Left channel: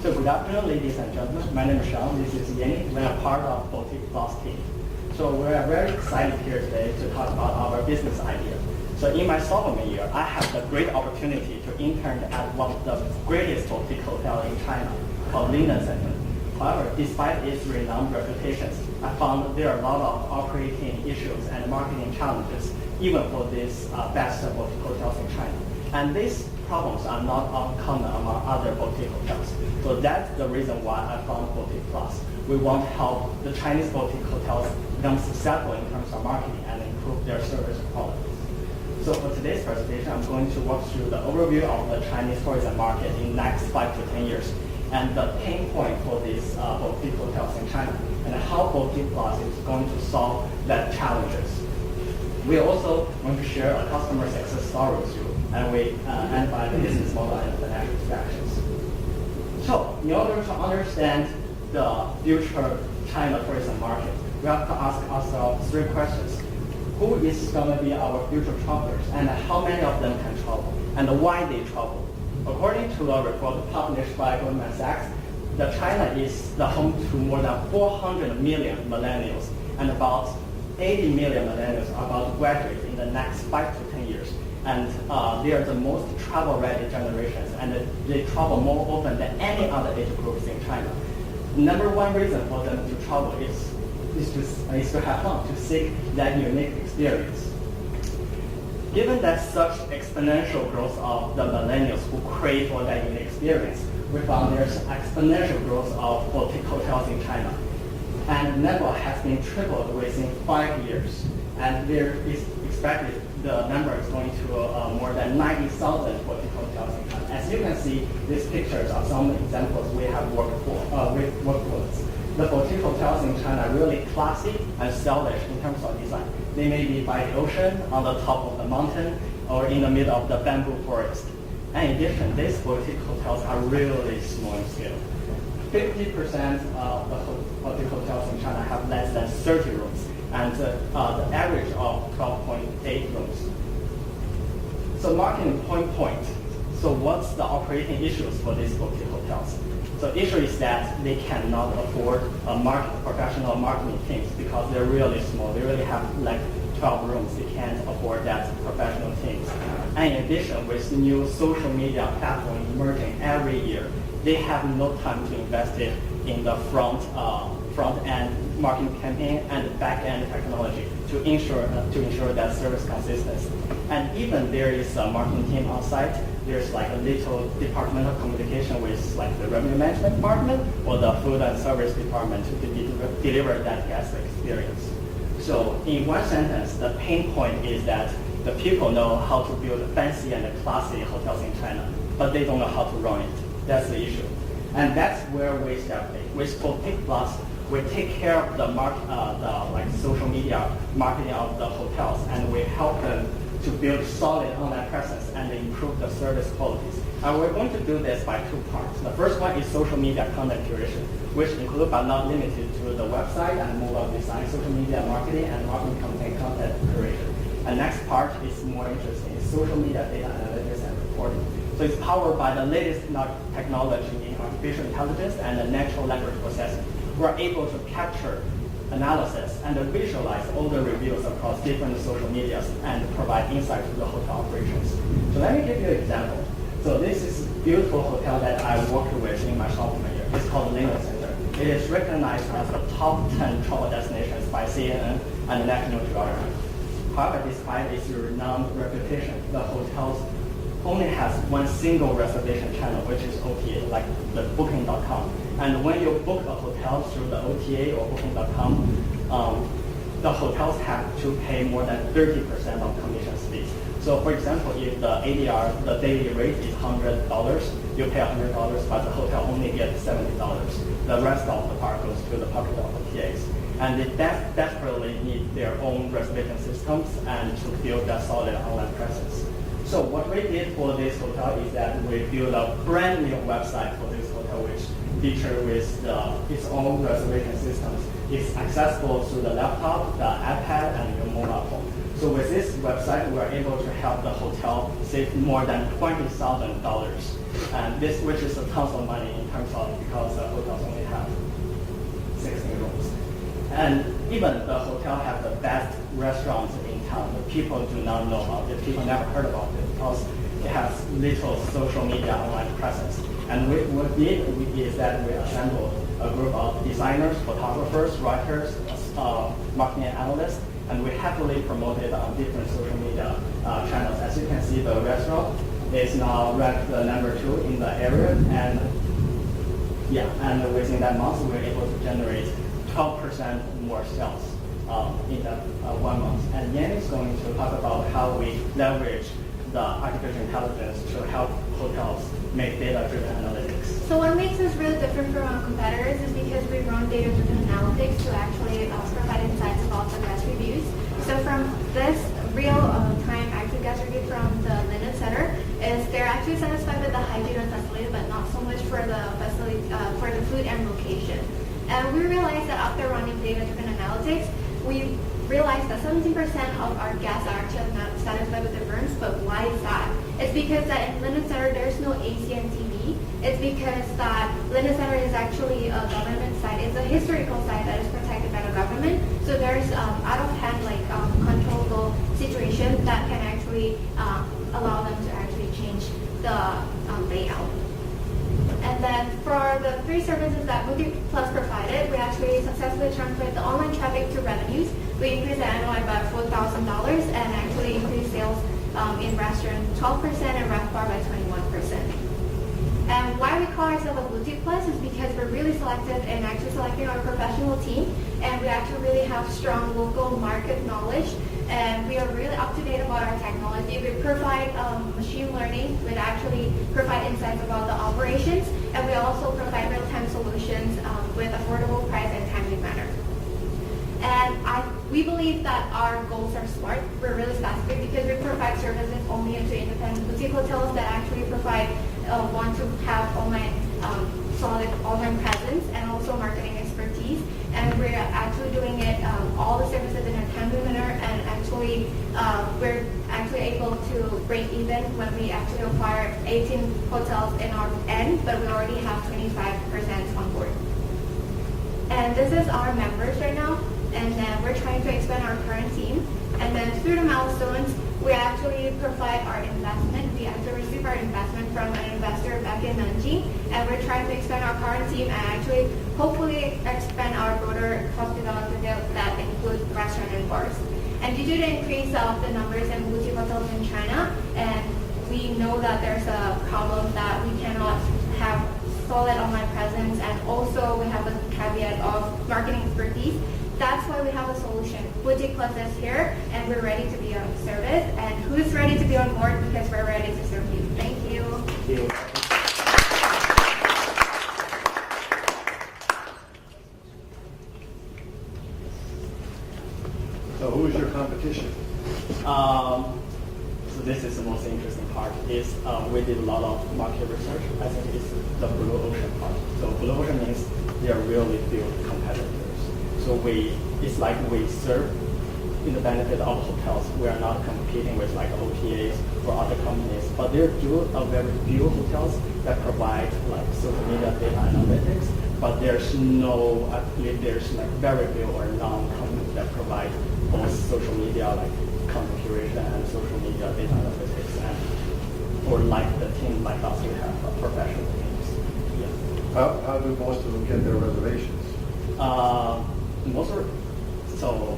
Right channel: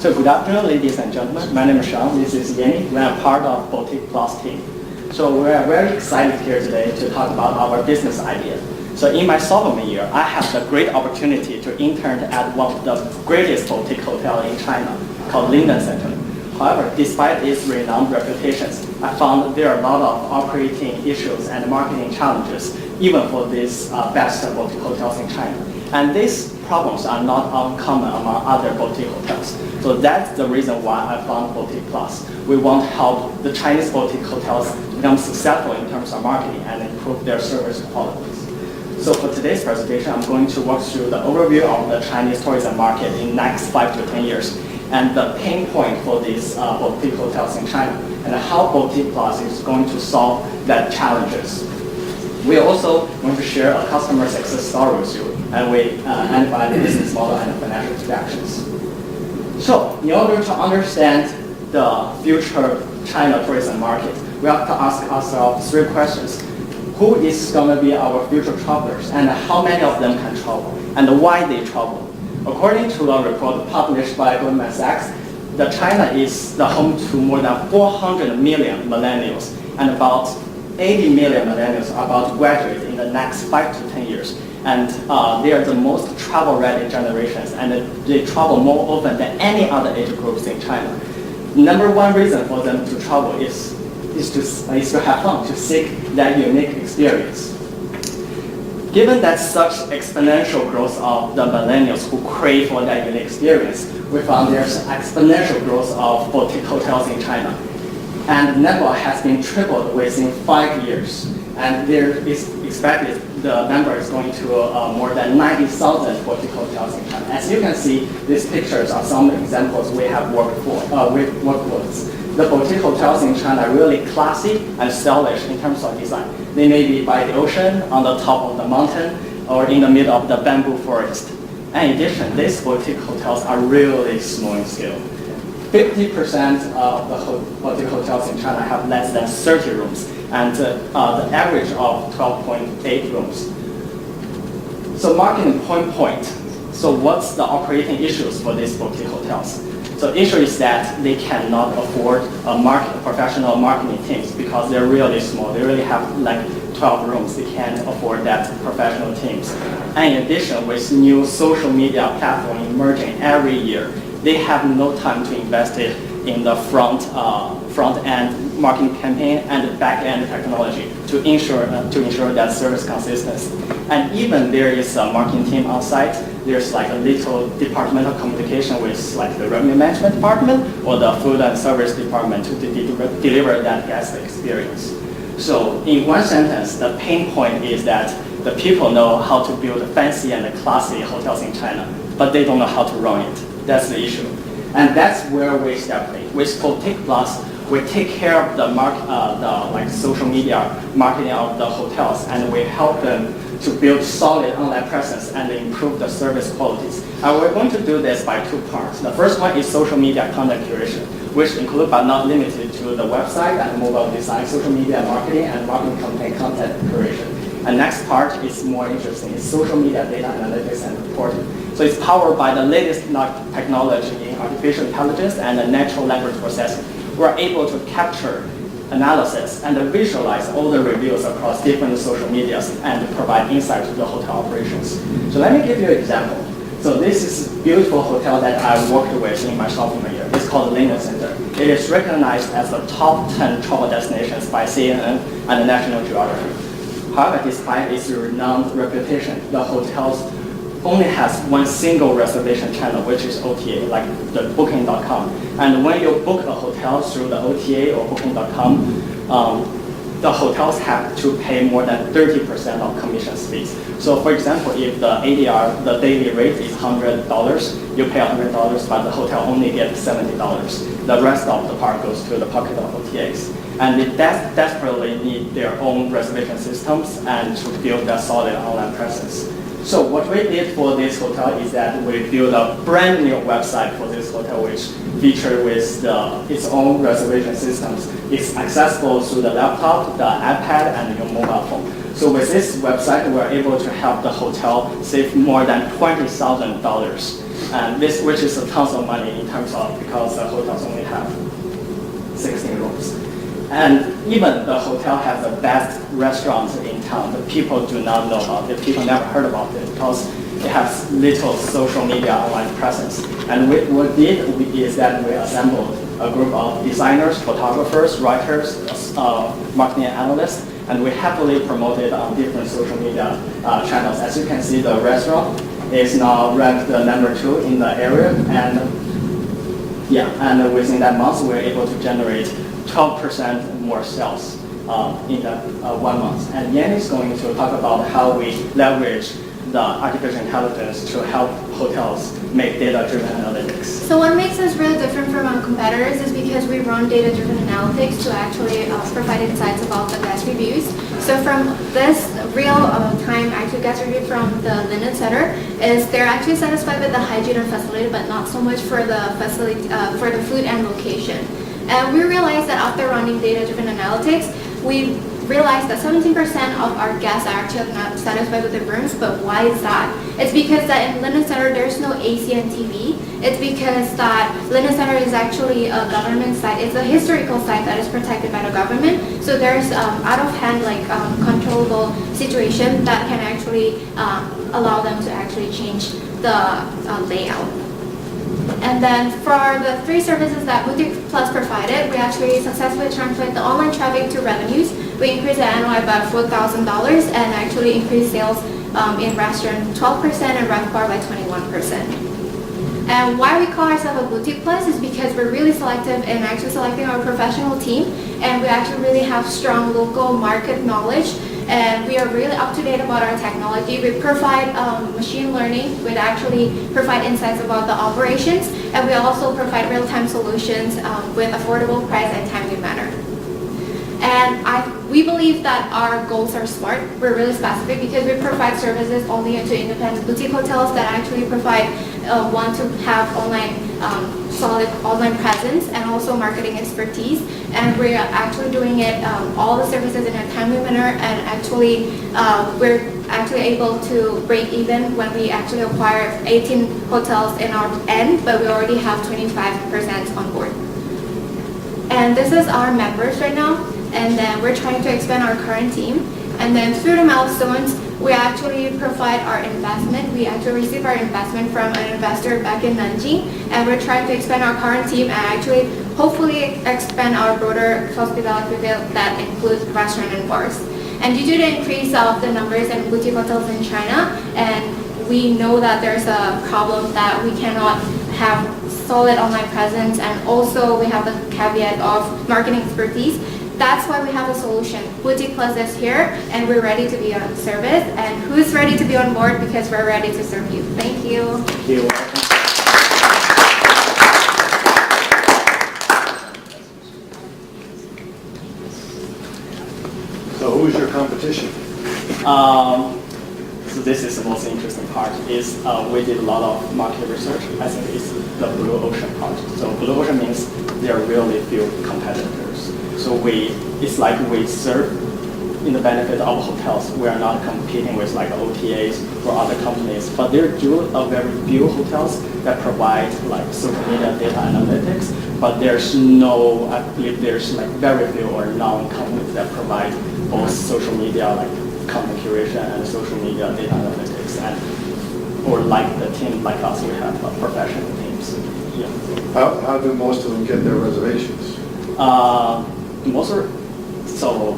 So good afternoon, ladies and gentlemen. My name is Sean. This is Yennie. We are part of Boutique Plus team. So we are very excited here today to talk about our business idea. So in my sophomore year, I had the great opportunity to intern at one of the greatest boutique hotels in China called Linden Center. However, despite its renowned reputations, I found there are a lot of operating issues and marketing challenges, even for these best boutique hotels in China. And these problems are not uncommon among other boutique hotels. So that's the reason why I found Boutique Plus. We want to help the Chinese boutique hotels become successful in terms of marketing and improve their service qualities. So for today's presentation, I'm going to walk through the overview of the Chinese tourism market in the next 5 to 10 years and the pain point for these boutique hotels in China and how Boutique Plus is going to solve that challenges. We also want to share a customer success story with you, and we identify the business model and the financial projections. So, in order to understand the future China tourism market, we have to ask ourselves 3 questions. Who is going to be our future travelers, and how many of them can travel, and why they travel? According to a report published by Goldman Sachs, China is the home to more than 400 million millennials, and about 80 million millennials are about to graduate in the next 5 to 10 years. And they are the most travel-ready generations, and they travel more often than any other age groups in China. Number one reason for them to travel is to have fun, to seek that unique experience. Given that such exponential growth of the millennials who crave for that unique experience, we found there's exponential growth of boutique hotels in China. And the number has been tripled within 5 years. And there is expected the number is going to more than 90,000 boutique hotels in China. As you can see, these pictures are some examples we have worked with. The boutique hotels in China are really classy and stylish in terms of design. They may be by the ocean, on the top of the mountain, or in the middle of the bamboo forest. And in addition, these boutique hotels are really small in scale. 50% of the boutique hotels in China have less than 30 rooms, and the average of 12.8 rooms. So marketing point. So what's the operating issues for these boutique hotels? So the issue is that they cannot afford professional marketing teams because they're really small. They really have like 12 rooms. They can't afford that professional teams. And in addition, with new social media platform emerging every year, they have no time to invest it in the front-end marketing campaign and the back-end technology to ensure that service consistency. And even there is a marketing team on site, there's like a little departmental communication with like the revenue management department or the food and service department to deliver that guest experience. So in one sentence, the pain point is that the people know how to build fancy and classy hotels in China, but they don't know how to run it. That's the issue. And that's where we step in. With Boutique Plus, we take care of the social media marketing of the hotels, and we help them to build solid online presence and improve the service qualities. And we're going to do this by 2 parts. The first one is social media content curation, which include but not limited to the website and mobile design, social media marketing, and marketing content curation. And next part is more interesting. It's social media data analytics and reporting. So it's powered by the latest technology in artificial intelligence and the natural language processing. We're able to capture, analysis, and visualize all the reviews across different social medias and provide insight to the hotel operations. So let me give you an example. So this is a beautiful hotel that I worked with in my sophomore year. It's called Linden Center. It is recognized as the top 10 travel destinations by CNN and National Geographic. However, despite its renowned reputation, the hotel only has one single reservation channel, which is OTA, like the Booking.com. And when you book a hotel through the OTA or Booking.com, the hotels have to pay more than 30% of commission fees. So for example, if the ADR, the daily rate is $100, you pay $100, but the hotel only gets $70. The rest of the part goes to the pocket of OTAs. And they desperately need their own reservation systems and to build a solid online presence. So what we did for this hotel is that we built a brand new website for this hotel, which features with its own reservation systems. It's accessible through the laptop, the iPad, and your mobile phone. So with this website, we're able to help the hotel save more than $20,000 and which is a tons of money in terms of because the hotels only have 16 rooms. And even the hotel has the best restaurants in town, but people do not know about it. People never heard about it because it has little social media online presence. And what we did is that we assembled a group of designers, photographers, writers, marketing analysts, and we happily promoted on different social media channels. As you can see, the restaurant is now ranked number 2 in the area, and within that month, we were able to generate 12% more sales in that 1 month. And Yennie is going to talk about how we leverage the artificial intelligence to help hotels make data-driven analytics. So what makes us really different from our competitors is because we run data-driven analytics to actually provide insights about the guest reviews. So from this real-time actual guest review from the Linen Center is they're actually satisfied with the hygiene and facility, but not so much for the facility, for the food and location. And we realized that after running data-driven analytics, we realized that 17% of our guests are actually not satisfied with the rooms, but why is that? It's because that in Linen Center there's no AC and TV. It's because that Linen Center is actually a government site. It's a historical site that is protected by the government. So there's out of hand controllable situation that can actually allow them to actually change the layout. And then for the 3 services that Boutique Plus provided, we actually successfully translate the online traffic to revenues. We increased the NOI by $4,000 and actually increased sales in restaurant 12% and RevPAR by 21%. And why we call ourselves a Boutique Plus is because we're really selective in actually selecting our professional team, and we actually really have strong local market knowledge, and we are really up to date about our technology. We provide machine learning, we actually provide insights about the operations, and we also provide real-time solutions with affordable price and timely manner. And we believe that our goals are smart. We're really specific because we provide services only to independent boutique hotels that actually want to have solid online presence and also marketing expertise. And we're actually doing it, all the services in a timely manner, and actually we're actually able to break even when we actually acquire 18 hotels in our end, but we already have 25% on board. And this is our members right now. And then we're trying to expand our current team. And then through the milestones, we actually provide our investment. We actually receive our investment from an investor back in Nanjing, and we're trying to expand our current team and actually hopefully expand our broader hospitality that includes restaurant and bars. And due to the increase of the numbers in boutique hotels in China, and we know that there's a problem that we cannot have solid online presence, and also we have the caveat of marketing expertise. That's why we have a solution. Boutique Plus is here, and we're ready to be on service. And who's ready to be on board? Because we're ready to serve you. Thank you. Thank you. So who is your competition? So this is the most interesting part. Is we did a lot of market research. I think it's the blue ocean part. So blue ocean means there are really few competitors. So it's like we serve in the benefit of hotels. We are not competing with like OTAs or other companies, but there do a very few hotels that provide like social media data analytics, but there's no, I believe there's like very few or none companies that provide both social media like content curation and social media data analytics, and or like the team like us, we have professional teams. Yeah. How do most of them get their reservations? So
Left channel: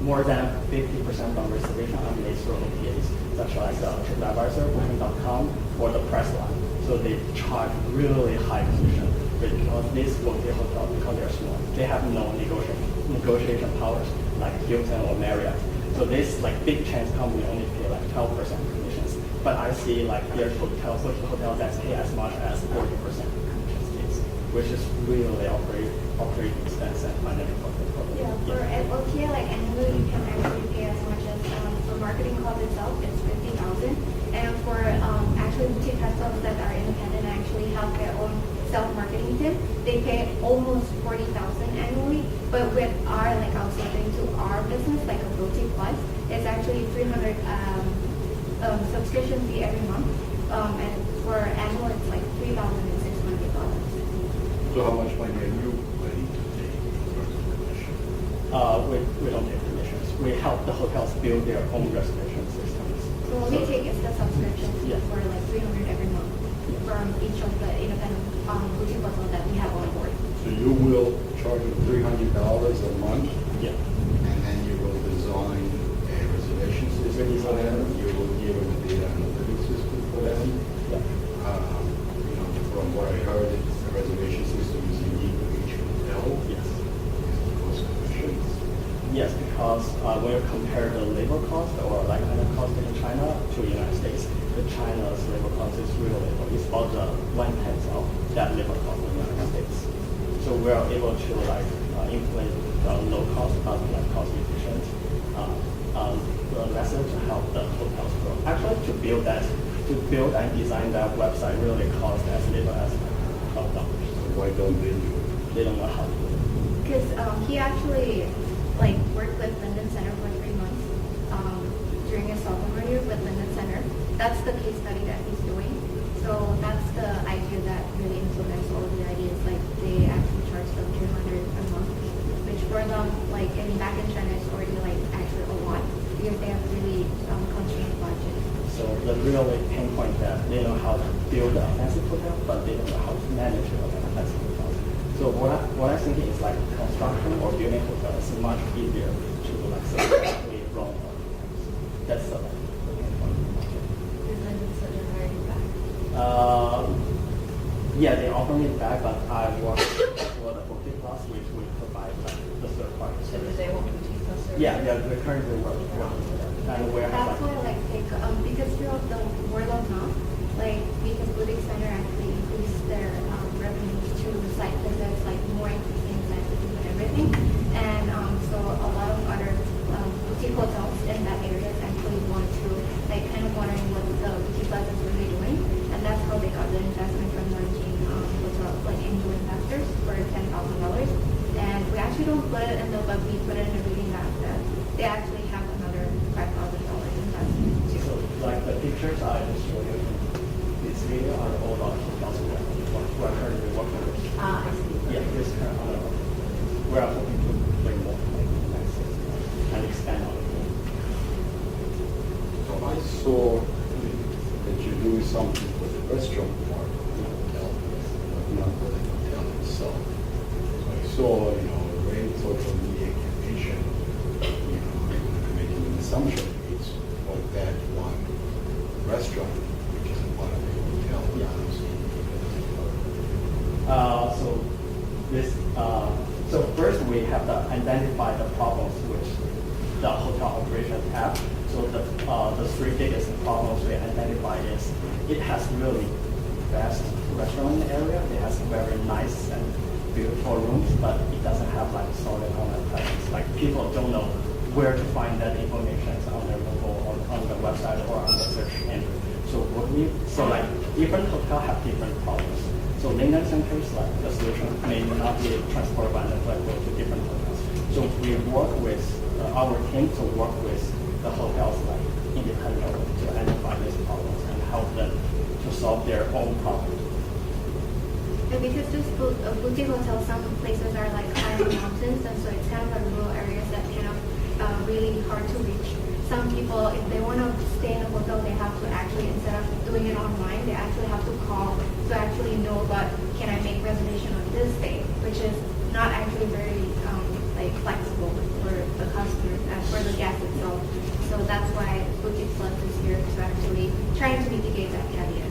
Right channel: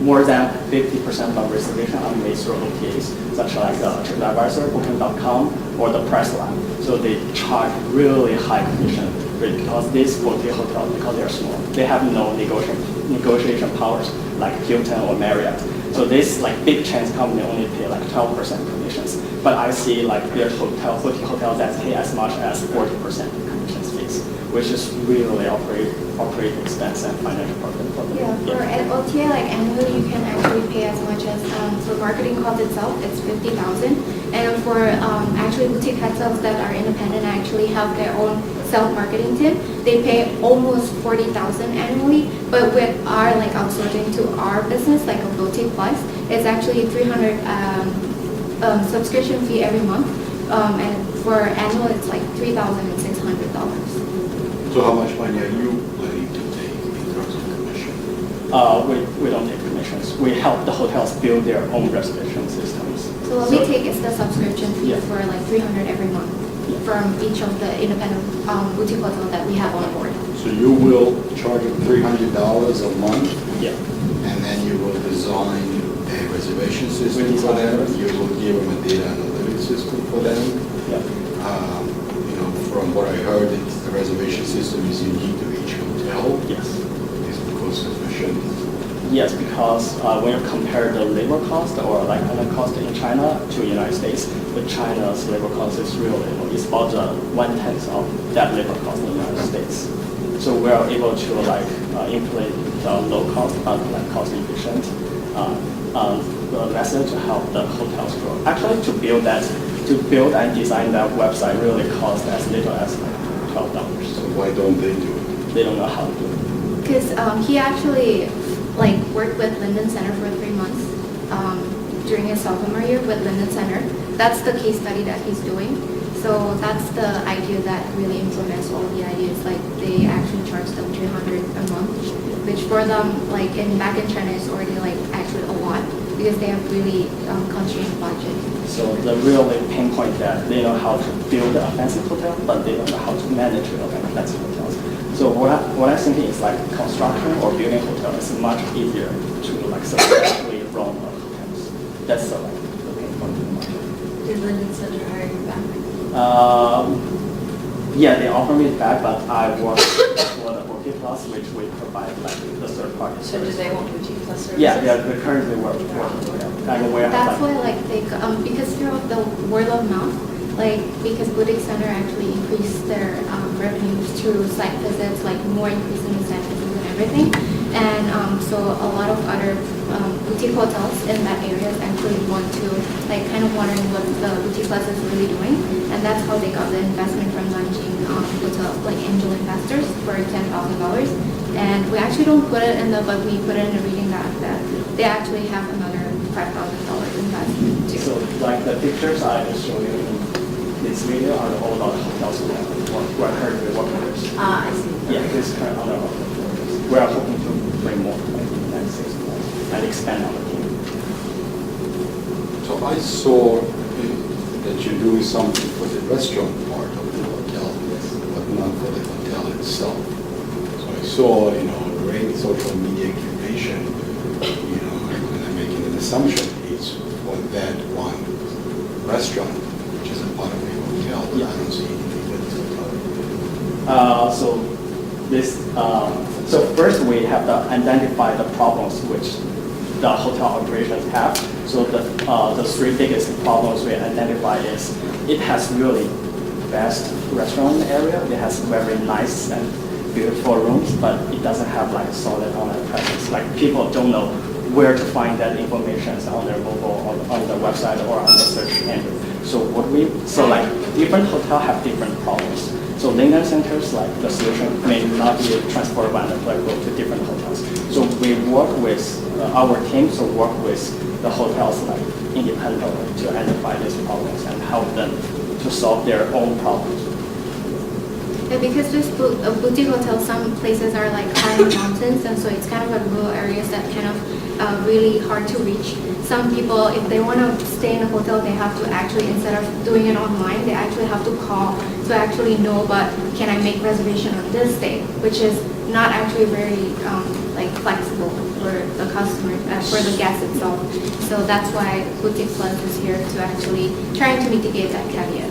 more than 50% of reservations are made through OTAs, such like TripAdvisor, Booking.com, or the Priceline. So they charge really high commission rate because these boutique hotels, because they're small, they have no negotiation powers like Hilton or Marriott. So this like big chain company only pay like 12% commissions. But I see like there's boutique hotels that pay as much as 40% commission fees, which is really operating expense and financial profit. Yeah, for an OTA, like annually, you can actually pay as much as for marketing cost itself, it's $50,000, and for actually boutique hotels that are independent and actually have their own self-marketing team, they pay almost $40,000 annually. But with our like outsourcing to our business, like a Boutique Plus, it's actually $300 subscription fee every month, and for annual, it's like $3,600. So how much money are you planning to take in terms of commission? We don't take commissions. We help the hotels build their own reservation systems. So what we take is the subscription fee Yeah. for like $300 every month from each of the independent boutique hotels that we have on board. So you will charge them $300 a month, Yeah. and then you will design a reservation system We for design them. it. You will give them a data analytics system for them. Yeah. You know, from what I heard, the reservation system is unique to each hotel. Yes. Is because efficient. Yes, because when you compare the labor cost or like other cost in China to United States, the China's labor cost is really low. It's about 1/10 of that labor cost in the United States. So we are able to like implement the low cost but like cost efficient method to help the hotels grow. Actually, to build and design that website really costs as little as like $12. So why don't they do it? They don't know how to do it. Because he actually like worked with Linden Center for 3 months during his sophomore year with Linden Center. That's the case study that he's doing. So that's the idea that really implements all the ideas. Like they actually charge them $300 a month, which for them, like back in China, is already like actually a lot because they have really constrained budget. So the real pain point that they know how to build a fancy hotel, but they don't know how to manage fancy hotels. So what I think is like construction or building hotel is much easier to like successfully run hotels. That's the pain point in the market. Did Linden Center hire you back? Yeah, they offer me it back, but I work for the Boutique Plus, which we provide like the third party. So do they want Boutique Plus services? Yeah, we currently work for them. And we have That's why like, like they because through the word of mouth, like because Boutique Center actually increased their revenues through site visits, like more increasing the site visits and everything, and so a lot of other boutique hotels in that area actually want to like kind of wondering what the Boutique Plus is really doing, and that's how they got the investment from Nanjing hotel, like angel investors for $10,000, and we actually don't put it in the, but we put it in the reading that they actually have another $5,000 investment too. so like the pictures I just showed you in this video are all about hotels we're currently working with. Ah, I see. Yeah, this is kind of other hotels. We are hoping to bring more like in the next 6 months and expand our team. So I saw that you're doing something for the restaurant part of the hotel, but not for the hotel itself. So I saw, great social media curation, and I'm making an assumption it's for that one restaurant, which is a part of the hotel, but I don't see anything that's a part of it. So first we have to identify the problems which the hotel operations have. So the 3 biggest problems we identify is it has really best restaurant area. It has very nice and beautiful rooms, but it doesn't have like solid online presence. Like people don't know where to find that information on their mobile or on the website or on the search engine. So like different hotels have different problems. So Linden centers, like the solution may not be transferable and applicable to different hotels. So we work with our teams work with the hotels like independently to identify these problems and help them to solve their own problems. Yeah, because this boutique hotel, some places are like high in the mountains, and so it's kind of a rural areas that kind of really hard to reach. Some people, if they want to stay in a hotel, they have to actually, instead of doing it online, they actually have to call to actually know, but can I make reservation on this day, which is not actually very like flexible for the customer, for the guest itself. So that's why Boutique Plus is here to actually trying to mitigate that caveat.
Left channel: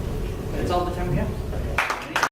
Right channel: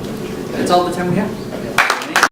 That's all the time we have.